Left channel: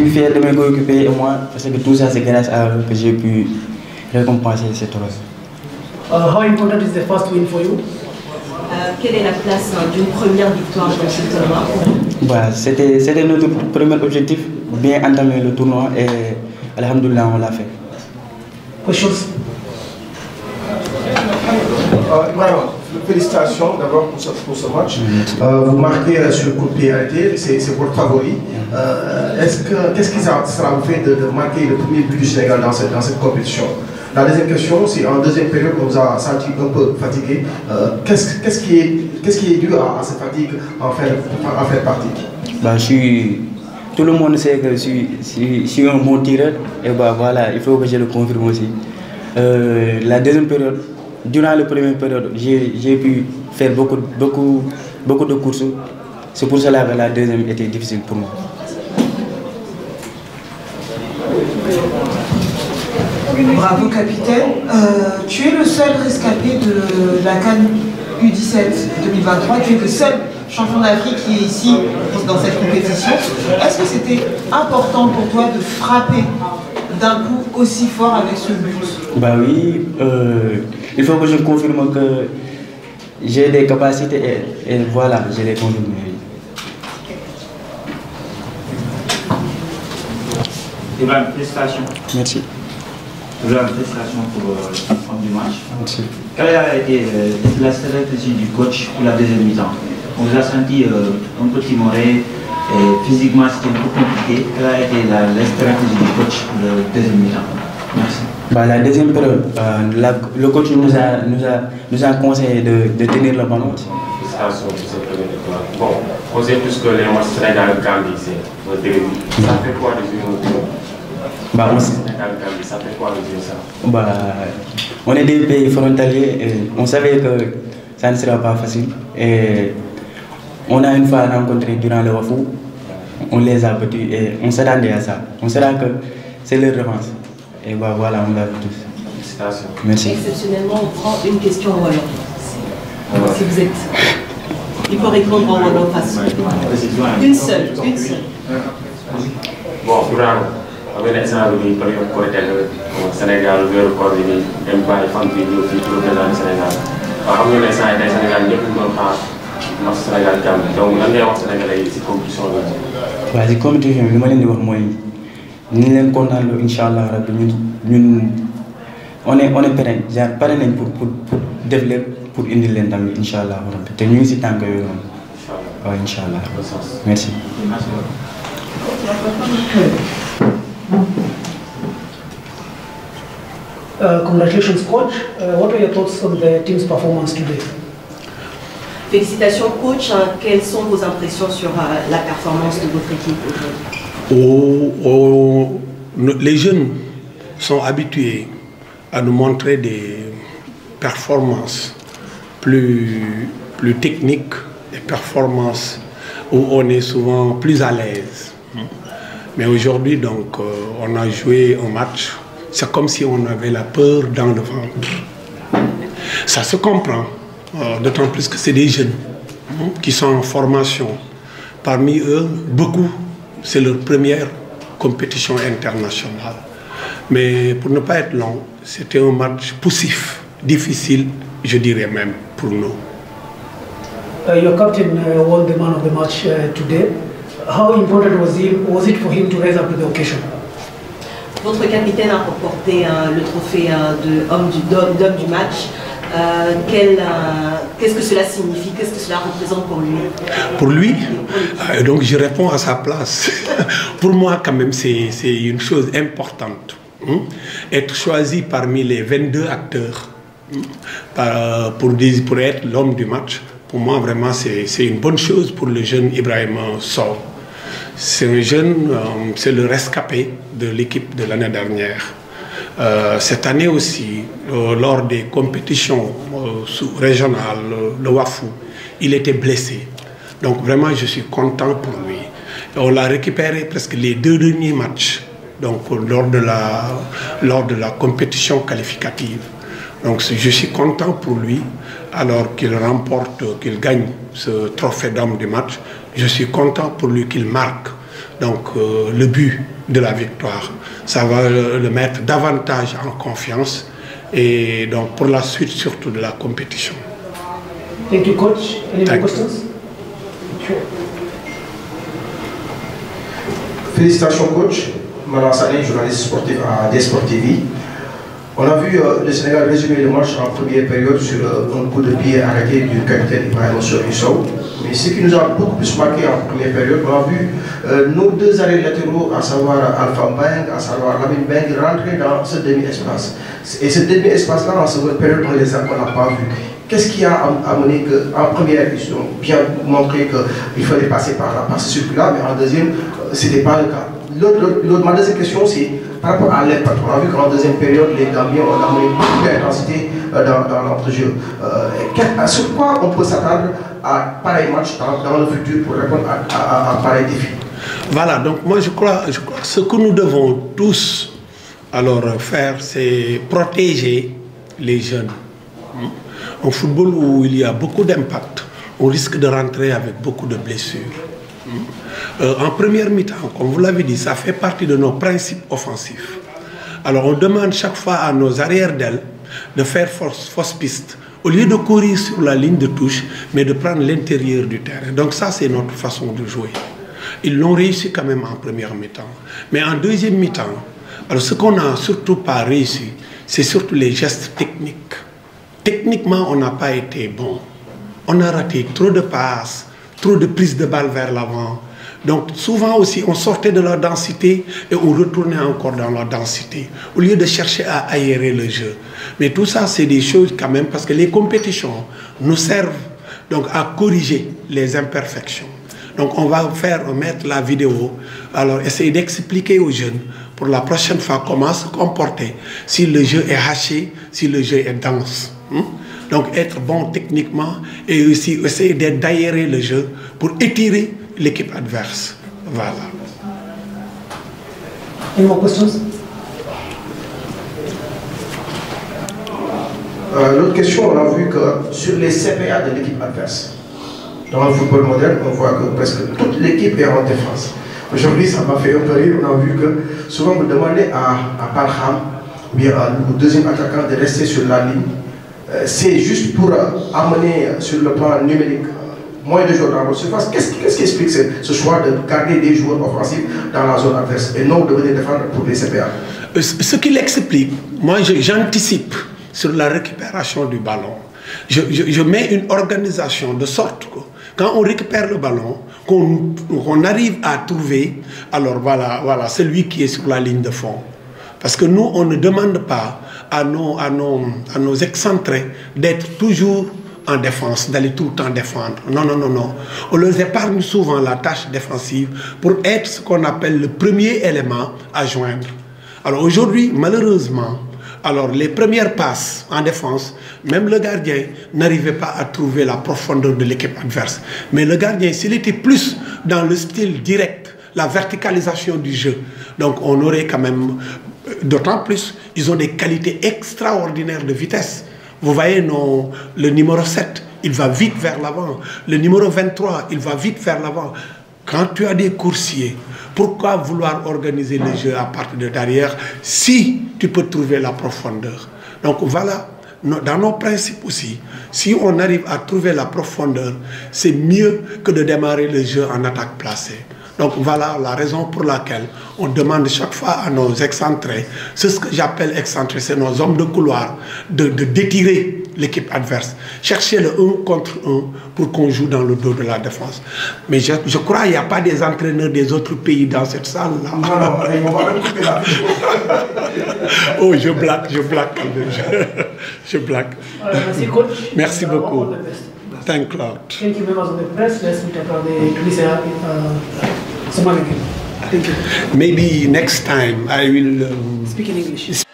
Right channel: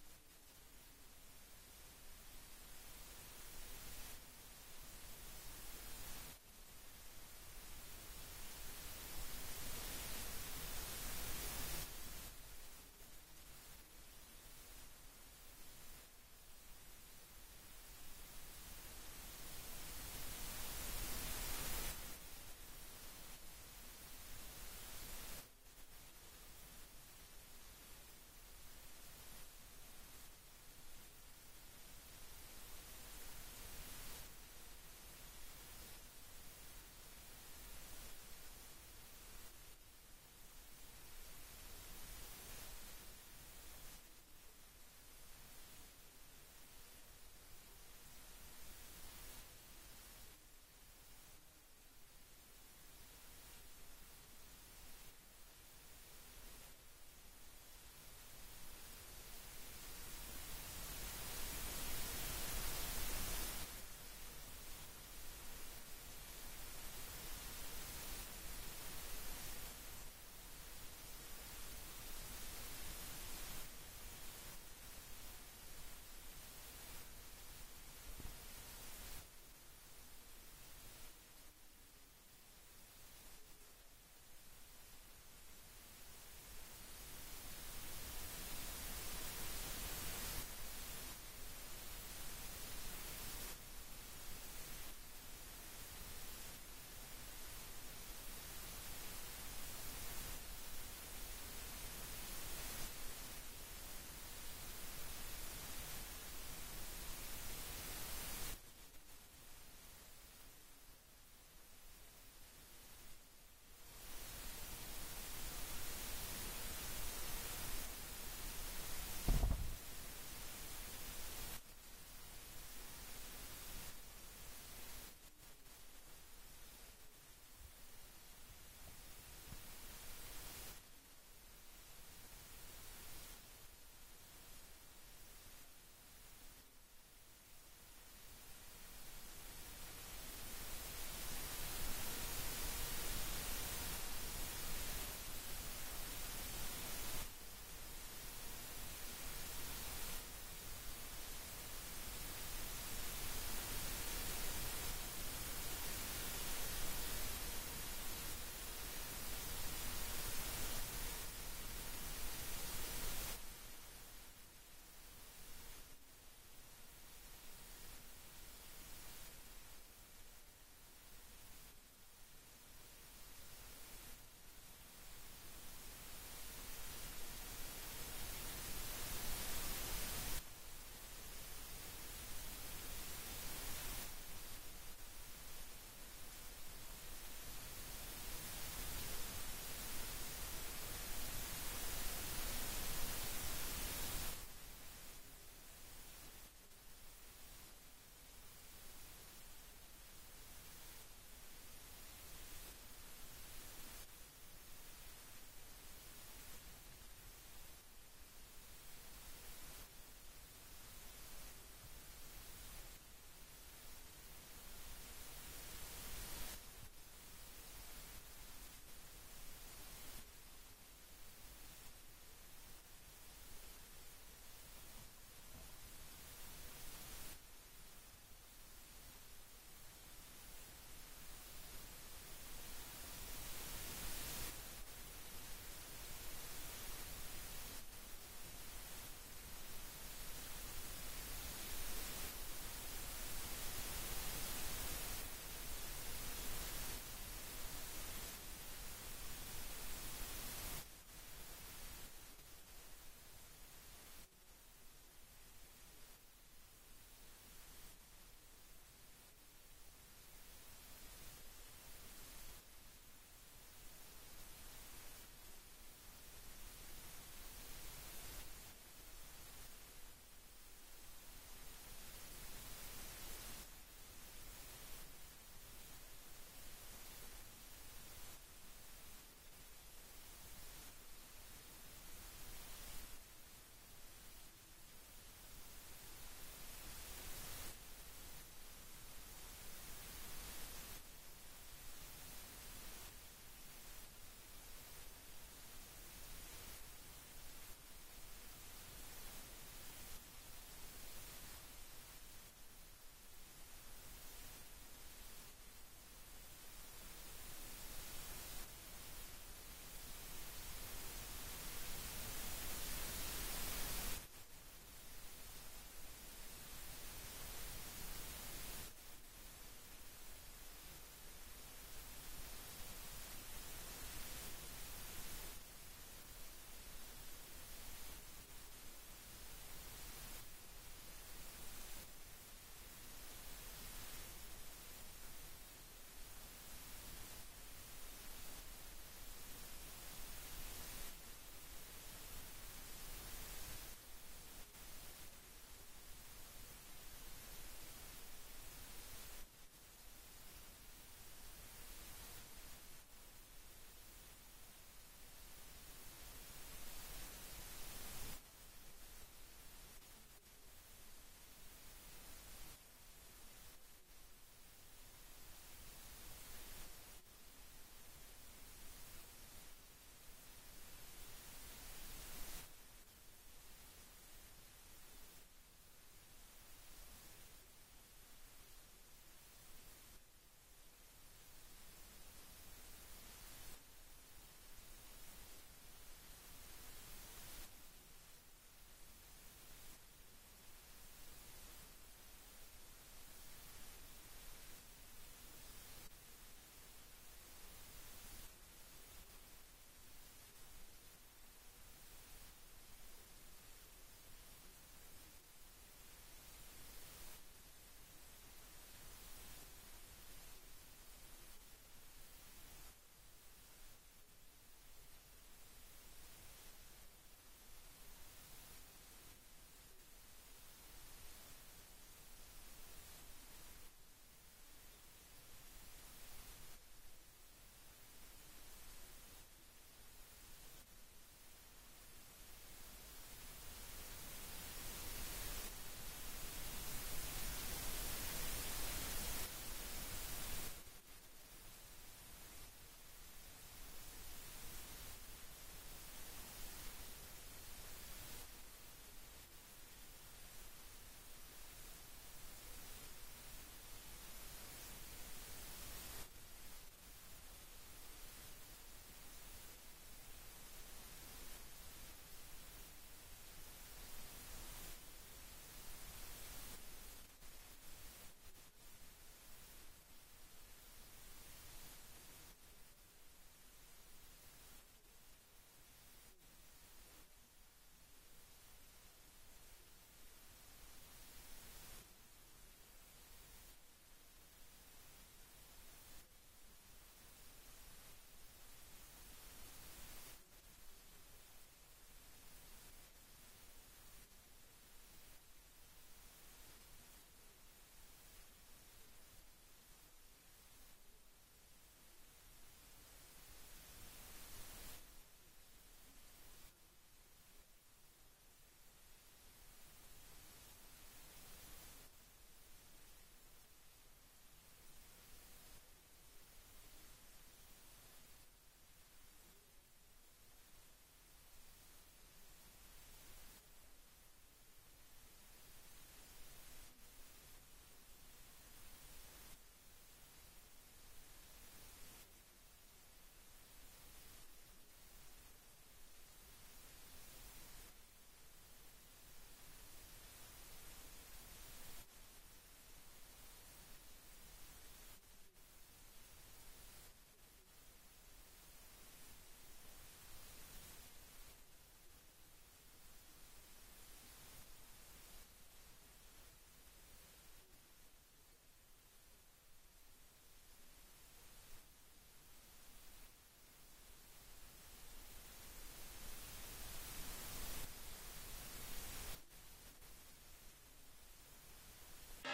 suis fier de mes coéquipiers et moi, parce que tout ça, c'est grâce à eux que j'ai pu récompenser cette rose. How important is the first win for you? Quelle est la place d'une première victoire dans ce tournoi? Bah, c'était notre premier objectif, bien entamer le tournoi et alhamdoulilah, on l'a fait. Questions? Félicitations d'abord pour ce match. Vous marquez sur coup de pied arrêté, c'est votre favori. Qu'est-ce qui sera vous fait de marquer le premier but du Sénégal dans cette compétition? La deuxième question, c'est en deuxième période, on vous a senti un peu fatigué. Qu'est-ce qui est dû à cette fatigue en faire partie? Bah, tout le monde sait que je suis un bon tireur et bah, voilà, il faut que je le confirme aussi. La deuxième période, durant la première période, j'ai pu faire beaucoup de courses. C'est pour cela que la deuxième était difficile pour moi. Bravo capitaine. Tu es le seul rescapé de la CAN U17 2023. Tu es le seul champion d'Afrique qui est ici dans cette compétition. Est-ce que c'était important pour toi de frapper d'un coup aussi fort avec ce but? Bah oui, il faut que je confirme que j'ai des capacités et voilà, je les confirme. Ibrahim, félicitations. Merci. Félicitations pour l'ensemble du match. Merci. Quelle a été la stratégie du coach pour la deuxième mi-temps? On vous a senti un peu timoré et physiquement c'était un peu compliqué. Quelle a été la stratégie du coach pour la deuxième mi-temps? Merci. Bah, la deuxième période, le coach nous a conseillé de tenir le ballon. Bon, on sait tous que les matchs Sénégal-Gambie, c'est au début. Ça fait quoi de jouer au début? Bah, ça fait quoi de jouer ça? Bah, on est des pays frontaliers et on savait que ça ne sera pas facile. Et on a une fois rencontré durant le Wafou, on les a battus et on s'attendait à ça. On saura que c'est leur revanche. Et bah, voilà, on l'a vu tous. Félicitations. Merci. Exceptionnellement, on prend une question en wallon. Si vous êtes... Il faut répondre en wallon façon. Une seule. Bon, Ibrahim, on va laisser un peu de côté au Sénégal, le corps de l'Empire, les femmes qui vivent au Sénégal. On va laisser un Sénégal, nous pouvons faire le Sénégal-Gambie. Donc, on va Sénégalais ici, compétition. Bah, la compétition, je vais dire moi, nous sommes contents, Inch'Allah, on est prêts, pareil pour développer, pour aider les amis, Inch'Allah. Et nous sommes tant que Inch'Allah. Merci. Congratulations, coach. What are your thoughts on the team's performance today? Félicitations, coach. Quelles sont vos impressions sur la performance de votre équipe aujourd'hui? Les jeunes sont habitués à nous montrer des performances plus techniques, des performances où on est souvent plus à l'aise. Mais aujourd'hui, donc, on a joué un match, c'est comme si on avait la peur dans le ventre. Ça se comprend, d'autant plus que c'est des jeunes qui sont en formation. Parmi eux, beaucoup, c'est leur première compétition internationale. Mais pour ne pas être long, c'était un match poussif, difficile, je dirais même, pour nous. Your captain won the man of the match today. How important was it for him to rise up to the occasion? Votre capitaine a remporté le trophée d'homme du match. Qu'est-ce que cela signifie? Qu'est-ce que cela représente pour lui? Pour lui, donc je réponds à sa place. Pour moi, quand même, c'est une chose importante. Être choisi parmi les 22 acteurs pour être l'homme du match, pour moi, vraiment, c'est une bonne chose pour le jeune Ibrahim Sow. C'est un jeune, c'est le rescapé de l'équipe de l'année dernière. Cette année aussi, lors des compétitions régionales, le Wafou, il était blessé. Donc vraiment, je suis content pour lui. On l'a récupéré presque les 2 derniers matchs, donc lors de la compétition qualificative. Donc je suis content pour lui, alors qu'il remporte, qu'il gagne ce trophée d'homme du match. Je suis content pour lui qu'il marque donc le but de la victoire. Ça va le mettre davantage en confiance et donc pour la suite surtout de la compétition. Thank you, coach. Any more questions? Sure. Félicitations, coach. Manan Sané, journaliste sportif à DS-Sport TV. On a vu le Sénégal résumer le match en première période sur un coup de pied arrêté du capitaine Ibrahima Sow. Mais ce qui nous a beaucoup plus marqué en première période, on a vu nos deux arrêts latéraux, à savoir Alpha Mbeng, à savoir Lamine Mbeng, rentrer dans ce demi-espace. Et ce demi-espace-là, en seconde période, on n'a pas vu. Qu'est-ce qui a amené qu'en première, ils ont bien montré qu'il fallait passer par là, par ce circuit-là, mais en deuxième, ce n'était pas le cas. Ma deuxième question, c'est par rapport à l'impact. On a vu qu'en deuxième période, les Gambiens ont amené beaucoup d'intensité dans l'entrejeu. Sur quoi on peut s'attendre à pareil match dans le futur pour répondre à pareil défi? Voilà, donc moi je crois que ce que nous devons tous alors faire, c'est protéger les jeunes. En football où il y a beaucoup d'impact, on risque de rentrer avec beaucoup de blessures. En première mi-temps, comme vous l'avez dit, ça fait partie de nos principes offensifs. Alors on demande chaque fois à nos arrières d'ailes de faire fausse piste, au lieu de courir sur la ligne de touche, mais de prendre l'intérieur du terrain. Donc ça, c'est notre façon de jouer. Ils l'ont réussi quand même en première mi-temps. Mais en deuxième mi-temps, alors ce qu'on n'a surtout pas réussi, c'est surtout les gestes techniques. Techniquement, on n'a pas été bon. On a raté trop de passes, trop de prises de balles vers l'avant. Donc souvent aussi, on sortait de la densité et on retournait encore dans la densité, au lieu de chercher à aérer le jeu. Mais tout ça, c'est des choses quand même, parce que les compétitions nous servent donc à corriger les imperfections. Donc on va mettre la vidéo, alors essayer d'expliquer aux jeunes pour la prochaine fois comment se comporter si le jeu est haché, si le jeu est dense. Donc être bon techniquement et aussi essayer d'aérer le jeu pour étirer l'équipe adverse. Voilà. Any more questions? L'autre question, on a vu que sur les CPA de l'équipe adverse, dans le football moderne, on voit que presque toute l'équipe est en défense. Aujourd'hui, ça m'a fait un peu rire. On a vu que souvent vous demandez à Parham, ou bien au deuxième attaquant de rester sur la ligne. C'est juste pour amener sur le plan numérique moins de joueurs dans votre surface. Qu'est-ce qui explique ce choix de garder des joueurs offensifs dans la zone adverse et non de venir défendre pour les CPA? Ce qui l'explique, moi j'anticipe sur la récupération du ballon. Je mets une organisation de sorte que quand on récupère le ballon, qu'on arrive à trouver, alors voilà, celui qui est sur la ligne de fond. Parce que nous, on ne demande pas à nos excentrés d'être toujours en défense, d'aller tout le temps défendre. Non, non, non, non. On leur épargne souvent la tâche défensive pour être ce qu'on appelle le premier élément à joindre. Alors aujourd'hui, malheureusement, alors les premières passes en défense, même le gardien n'arrivait pas à trouver la profondeur de l'équipe adverse. Mais le gardien, s'il était plus dans le style direct, la verticalisation du jeu, donc on aurait quand même, d'autant plus, ils ont des qualités extraordinaires de vitesse. Vous voyez, le numéro 7, il va vite vers l'avant. Le numéro 23, il va vite vers l'avant. Quand tu as des coursiers, pourquoi vouloir organiser le jeu à partir de derrière si tu peux trouver la profondeur? Donc voilà, dans nos principes aussi, si on arrive à trouver la profondeur, c'est mieux que de démarrer le jeu en attaque placée. Donc voilà la raison pour laquelle on demande chaque fois à nos excentrés, c'est ce que j'appelle excentrés, c'est nos hommes de couloir, d'étirer l'équipe adverse. Chercher le 1 contre 1 pour qu'on joue dans le dos de la défense. Mais je crois qu'il n'y a pas des entraîneurs des autres pays dans cette salle-là. Non, non, on va même couper la vidéo. Oh, je blague. Je blague. Merci, coach. Merci beaucoup. Thank you. Thank you, members of the press. Let's meet up on the Tunisia Somali game. Thank you. Maybe next time I will speak in English.